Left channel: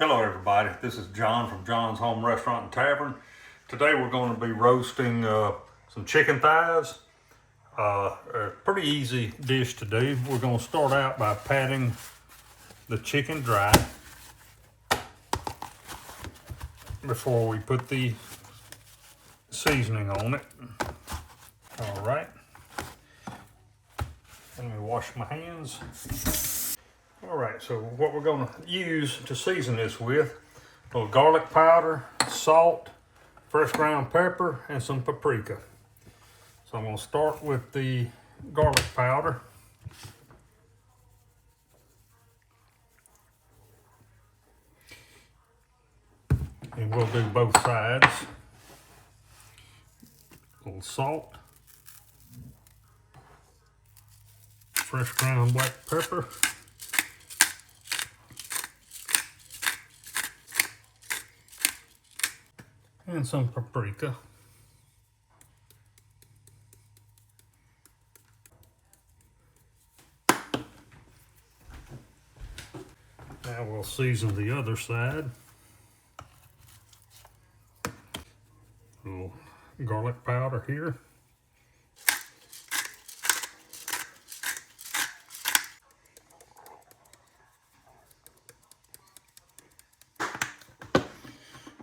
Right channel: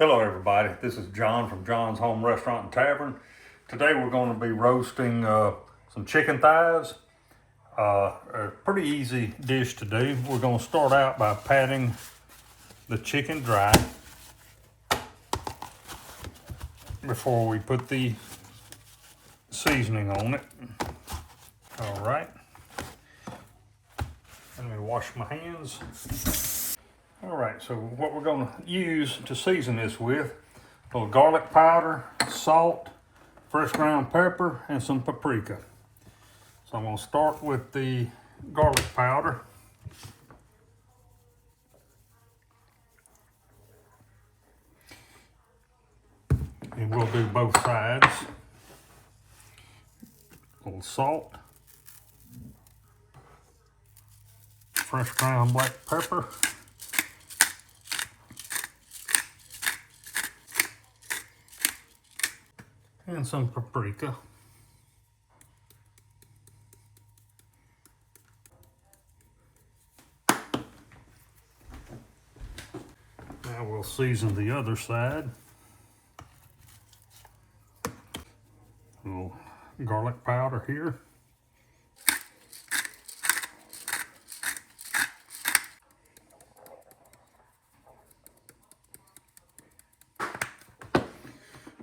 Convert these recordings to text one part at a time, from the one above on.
Hello everybody, this is John from John's Home Restaurant and Tavern. Today we're going to be roasting some chicken thighs. A pretty easy dish to do. We're going to start out by patting the chicken dry before we put the seasoning on it. All right, let me wash my hands. All right, so what we're going to use to season this with, a little garlic powder, salt, fresh ground pepper, and some paprika. So I'm going to start with the garlic powder. And we'll do both sides. A little salt, fresh ground black pepper, and some paprika. Now we'll season the other side. A little garlic powder here.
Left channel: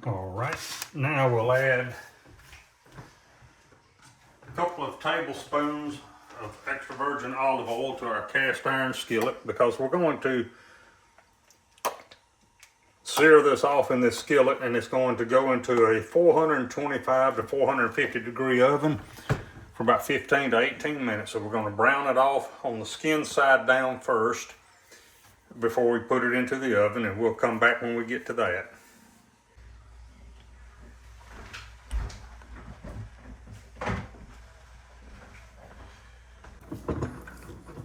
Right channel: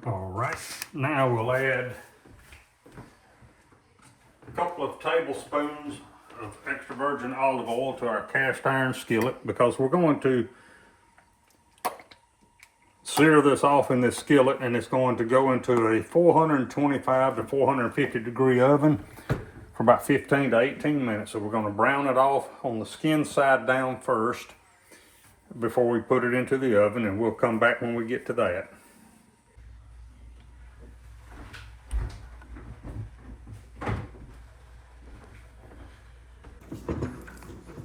All right, now we'll add a couple of tablespoons of extra virgin olive oil to our cast iron skillet, because we're going to sear this off in this skillet, and it's going to go into a 425 to 450 degree oven for about 15 to 18 minutes. So we're going to brown it off on the skin side down first before we put it into the oven, and we'll come back when we get to that.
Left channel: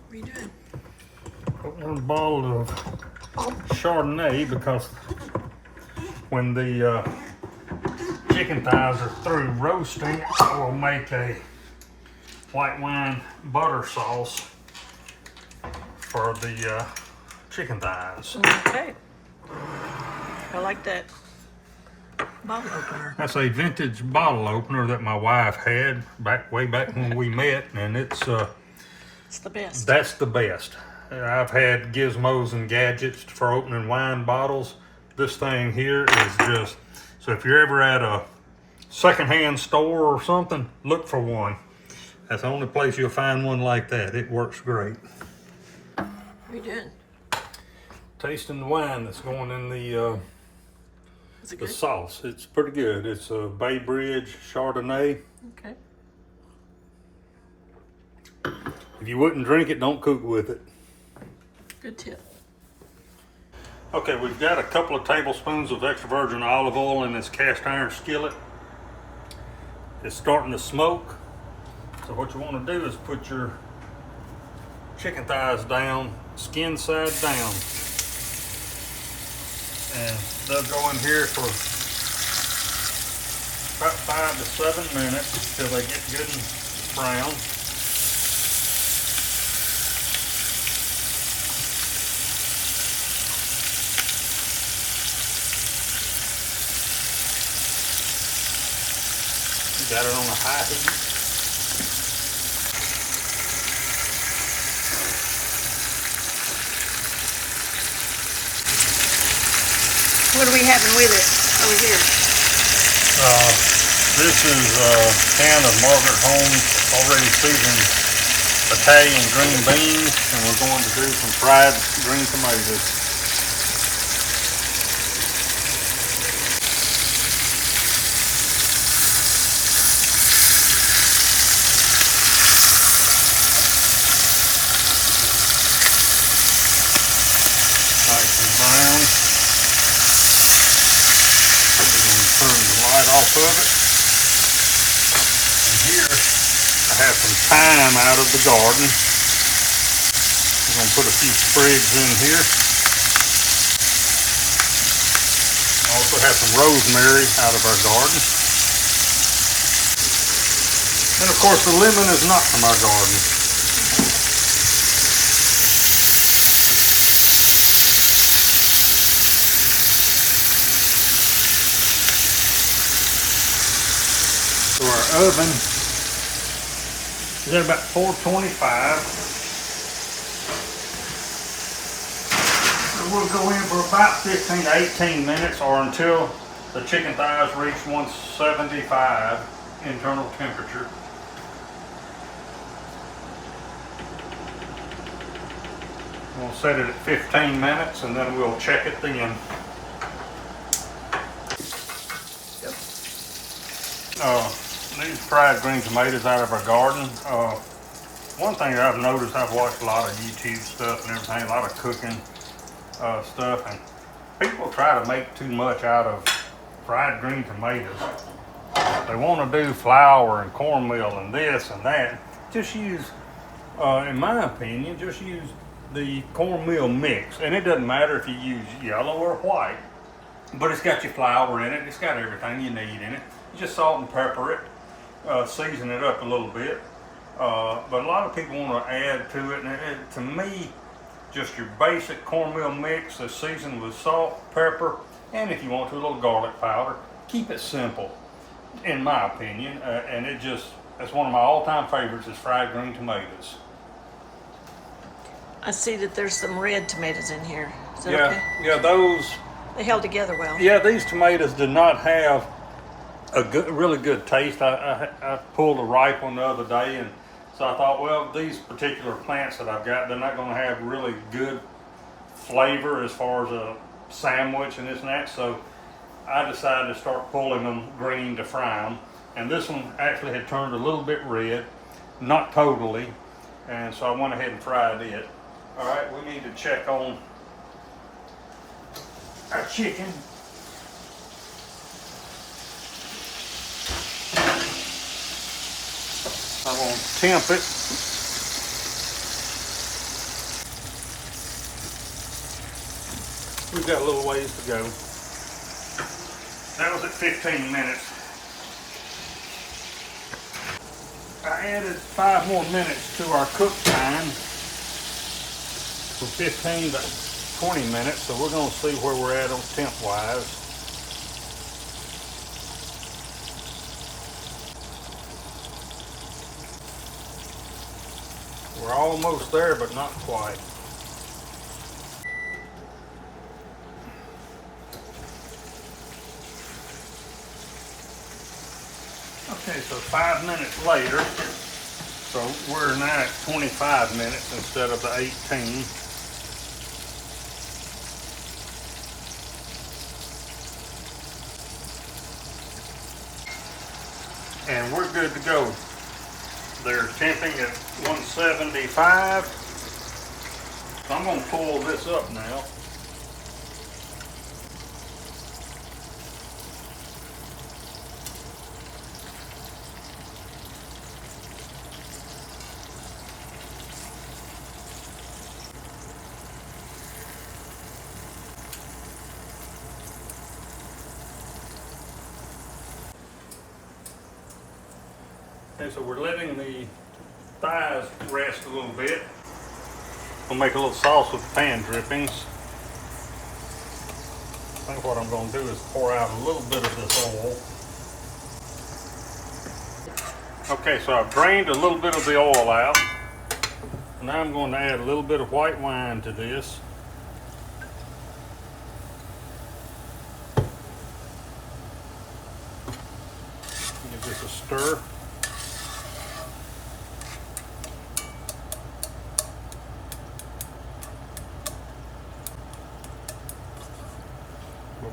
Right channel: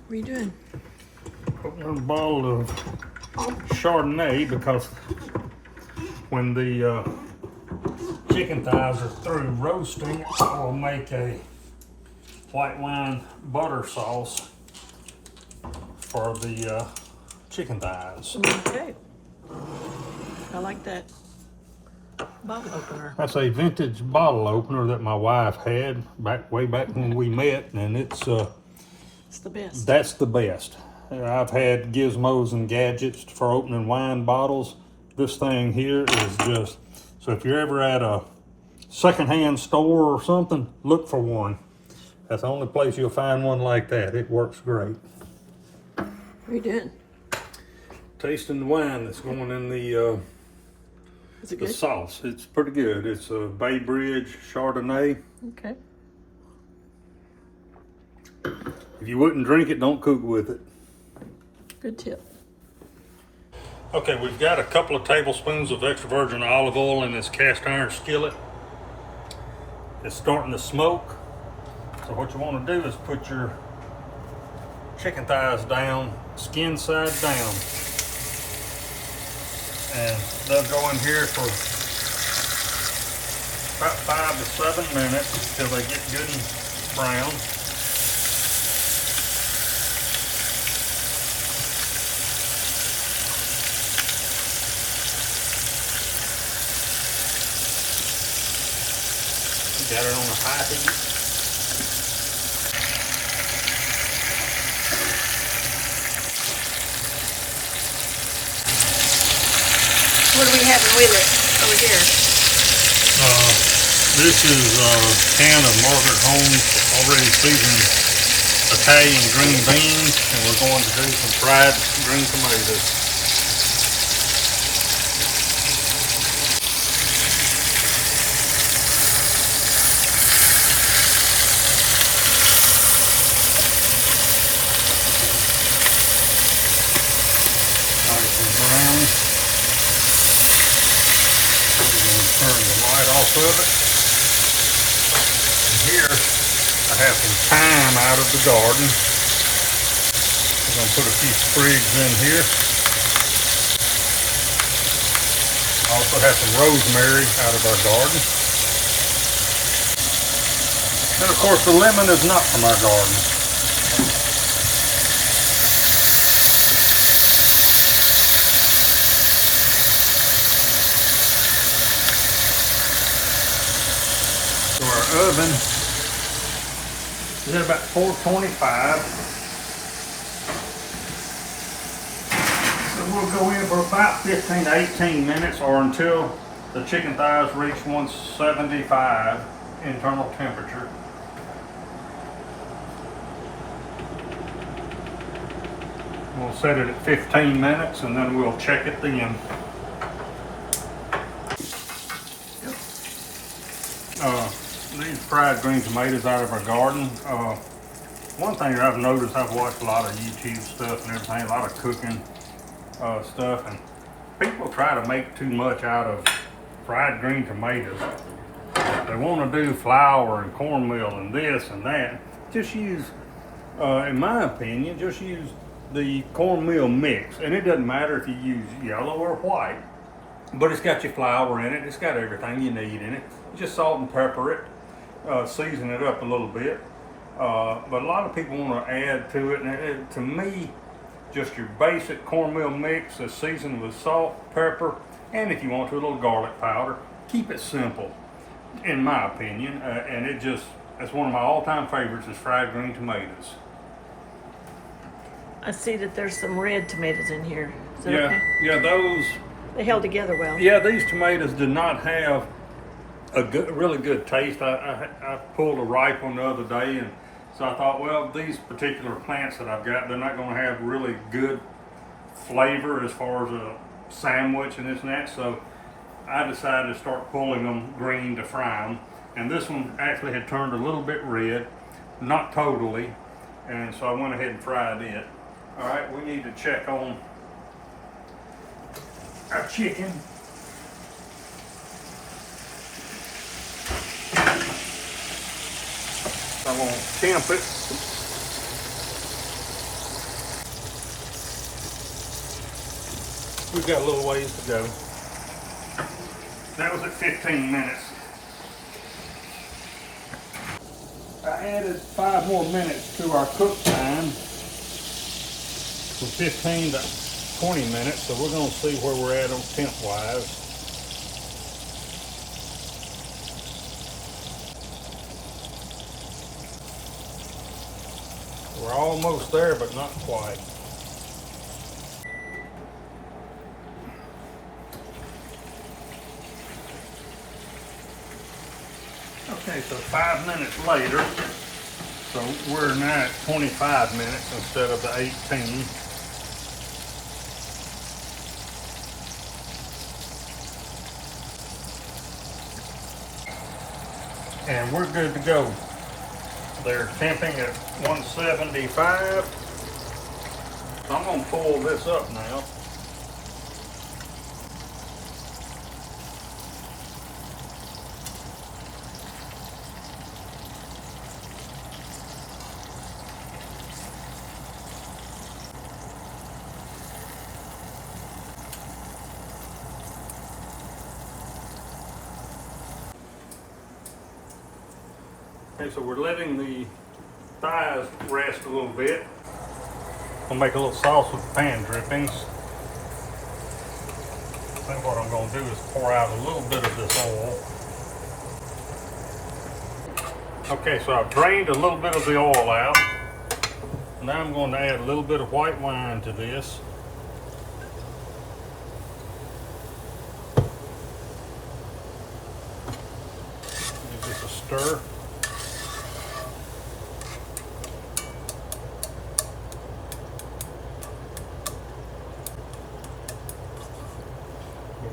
What are you doing? Opening a bottle of Chardonnay, because when the chicken thighs are through roasting, we'll make a white wine butter sauce for the chicken thighs. Okay. I like that bottle opener. That's a vintage bottle opener that my wife had way back when we met, and it's the best. That's the best. I've had gizmos and gadgets for opening wine bottles. This thing here is just, so if you're ever at a secondhand store or something, look for one. That's the only place you'll find one like that. It works great. What are you doing? Tasting the wine that's going in the Is it good? sauce. It's pretty good. It's a Bay Bridge Chardonnay. Okay. If you wouldn't drink it, don't cook with it. Good tip. Okay, we've got a couple of tablespoons of extra virgin olive oil in this cast iron skillet. It's starting to smoke. So what you want to do is put your chicken thighs down, skin side down. And they'll go in here for about 5 to 7 minutes until they get good and brown. Got it on a high heat. What are we having with it over here? This is a can of Margaret Holmes already seasoned Italian green beans, and we're going to do some fried green tomatoes. Brown. We're going to turn the light off of it. And here I have some thyme out of the garden. I'm going to put a few sprigs in here. I also have some rosemary out of our garden. And of course the lemon is not from our garden. So our oven is at about 425. So we'll go in for about 15 to 18 minutes or until the chicken thighs reach 175 internal temperature. We'll set it at 15 minutes and then we'll check it then. These fried green tomatoes out of our garden. One thing I've noticed, I've watched a lot of YouTube stuff and everything, a lot of cooking stuff, and people try to make too much out of fried green tomatoes. They want to do flour and cornmeal and this and that. Just use, in my opinion, just use the cornmeal mix, and it doesn't matter if you use yellow or white, but it's got your flour in it, it's got everything you need in it. Just salt and pepper it, season it up a little bit, but a lot of people want to add to it, and to me, just your basic cornmeal mix is seasoned with salt, pepper, and if you want to, a little garlic powder. Keep it simple, in my opinion, and it's one of my all-time favorites is fried green tomatoes. I see that there's some red tomatoes in here. Is that okay? Yeah, those. They held together well. Yeah, these tomatoes did not have a really good taste. I pulled a ripe one the other day, and so I thought, well, these particular plants that I've got, they're not going to have really good flavor as far as a sandwich and this and that. So I decided to start pulling them green to fry them. And this one actually had turned a little bit red, not totally, and so I went ahead and fried it. All right, we need to check on our chicken. I'm going to temp it. We've got a little ways to go. That was at 15 minutes. I added 5 more minutes to our cook time from 15 to 20 minutes, so we're going to see where we're at on temp wise. We're almost there, but not quite. Okay, so 5 minutes later, so we're now at 25 minutes instead of the 18. And we're good to go. They're temping at 175. I'm going to pull this up now. Okay, so we're letting the thighs rest a little bit. I'll make a little sauce with pan drippings. I think what I'm going to do is pour out a little bit of this oil. Okay, so I've drained a little bit of the oil out. Now I'm going to add a little bit of white wine to this. Give this a stir.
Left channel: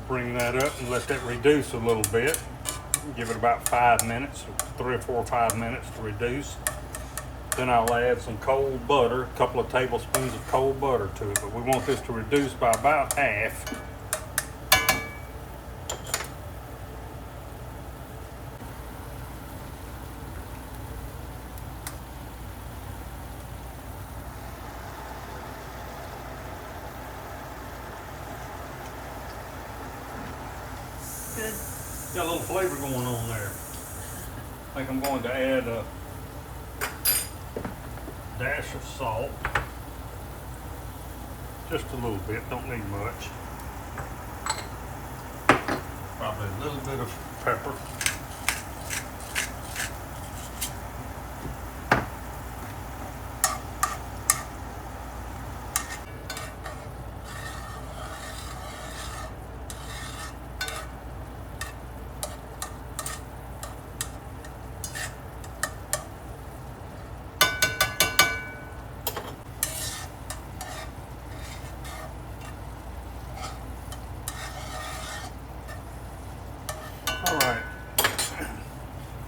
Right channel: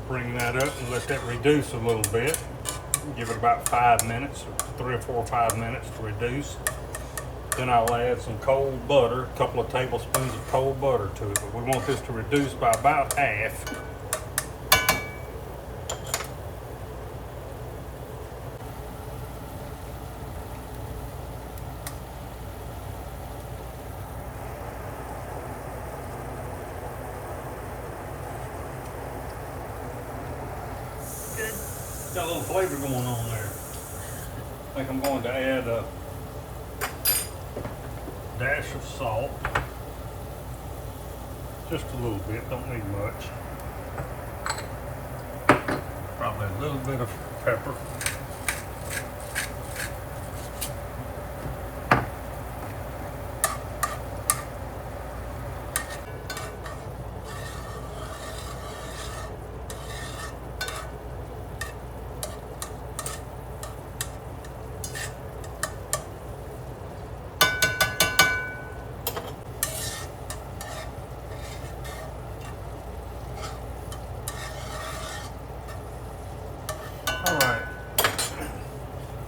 Bring that up and let that reduce a little bit. Give it about 5 minutes, 3 or 4 or 5 minutes to reduce. Then I'll add some cold butter, a couple of tablespoons of cold butter to it. But we want this to reduce by about half. Got a little flavor going on there. I think I'm going to add a dash of salt. Just a little bit, don't need much. Probably a little bit of pepper.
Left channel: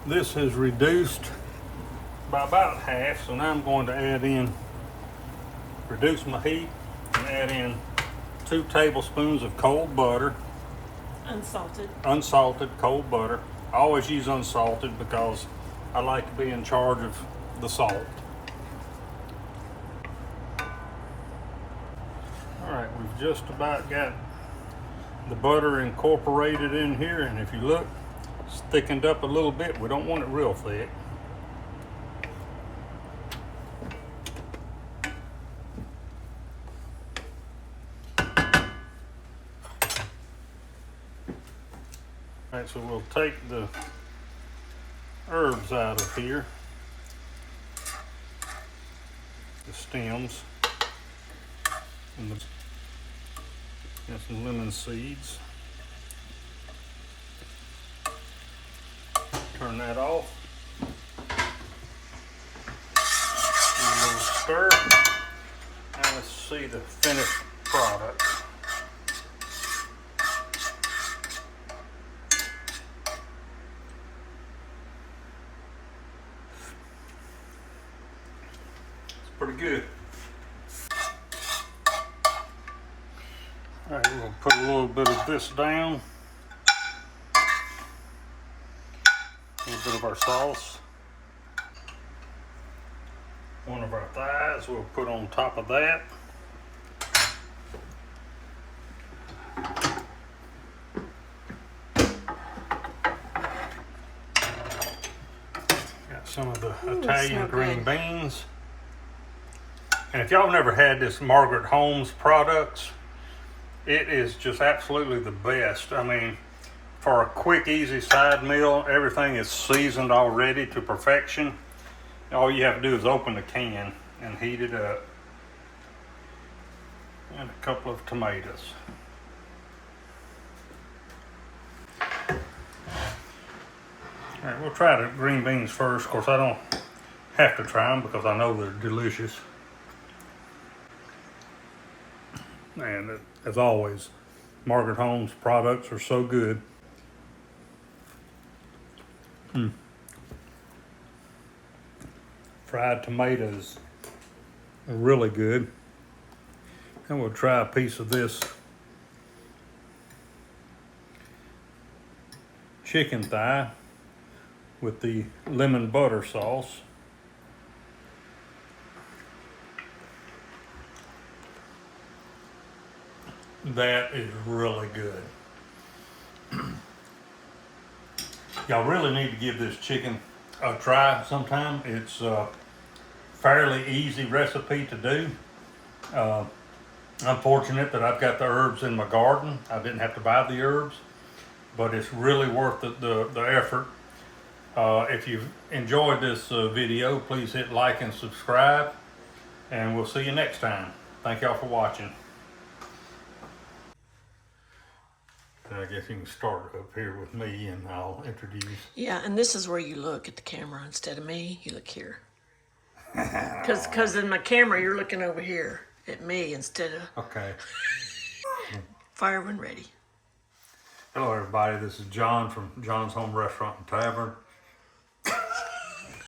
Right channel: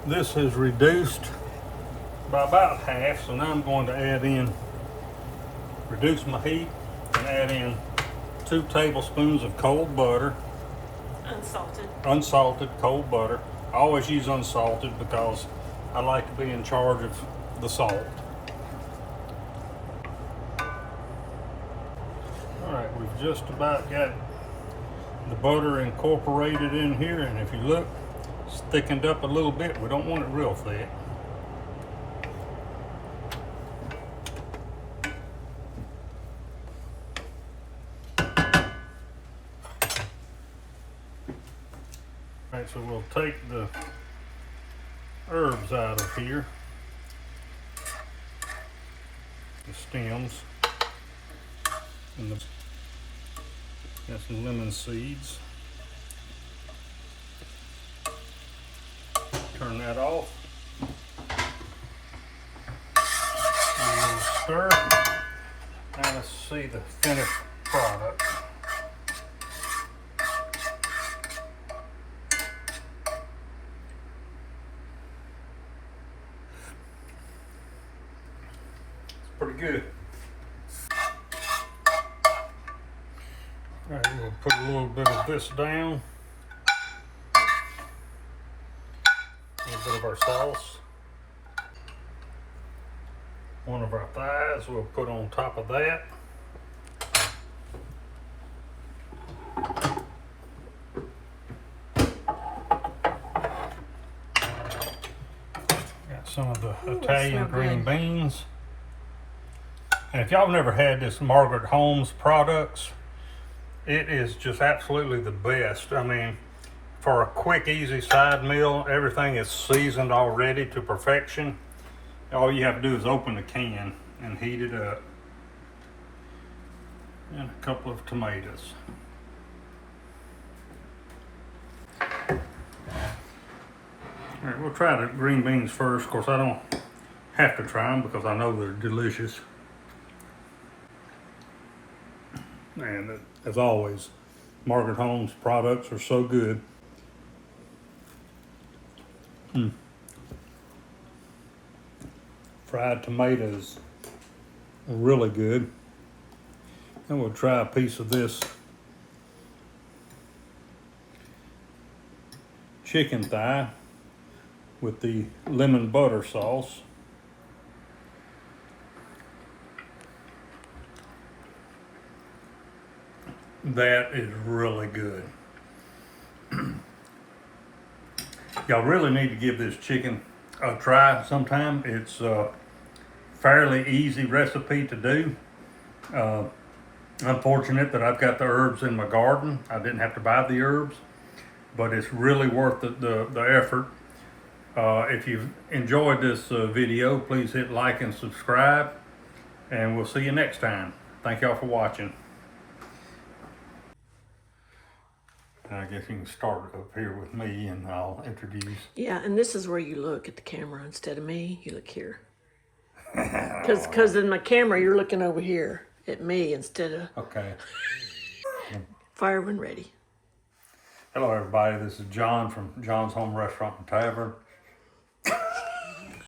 This is reduced by about half, so now I'm going to reduce my heat and add in 2 tablespoons of cold butter. Unsalted. Unsalted cold butter. I always use unsalted because I like to be in charge of the salt. Alright, we've just about got the butter incorporated in here, and if you look, it's thickened up a little bit. We don't want it real thick. Alright, so we'll take the herbs out of here, the stems, and got some lemon seeds. Turn that off. And we'll stir. Now let's see the finished product. Pretty good. All right, we'll put a little bit of this down. A little bit of our sauce. One of our thighs we'll put on top of that. Got some of the Italian green beans. And if y'all have never had this Margaret Holmes products, it is just absolutely the best. I mean, for a quick, easy side meal, everything is seasoned already to perfection. All you have to do is open the can and heat it up. And a couple of tomatoes. All right, we'll try the green beans first. Of course, I don't have to try them because I know they're delicious. And as always, Margaret Holmes products are so good. Fried tomatoes are really good. And we'll try a piece of this chicken thigh with the lemon butter sauce. That is really good. Y'all really need to give this chicken a try sometime. It's a fairly easy recipe to do. I'm fortunate that I've got the herbs in my garden. I didn't have to buy the herbs, but it's really worth the effort. If you've enjoyed this video, please hit like and subscribe, and we'll see you next time. Thank y'all for watching. I guess you can start up here with me and I'll introduce. Yeah, and this is where you look at the camera instead of me. You look here. Because in my camera, you're looking over here at me instead of... Okay. Fire when ready. Hello, everybody. This is John from John's Home Restaurant and Tavern.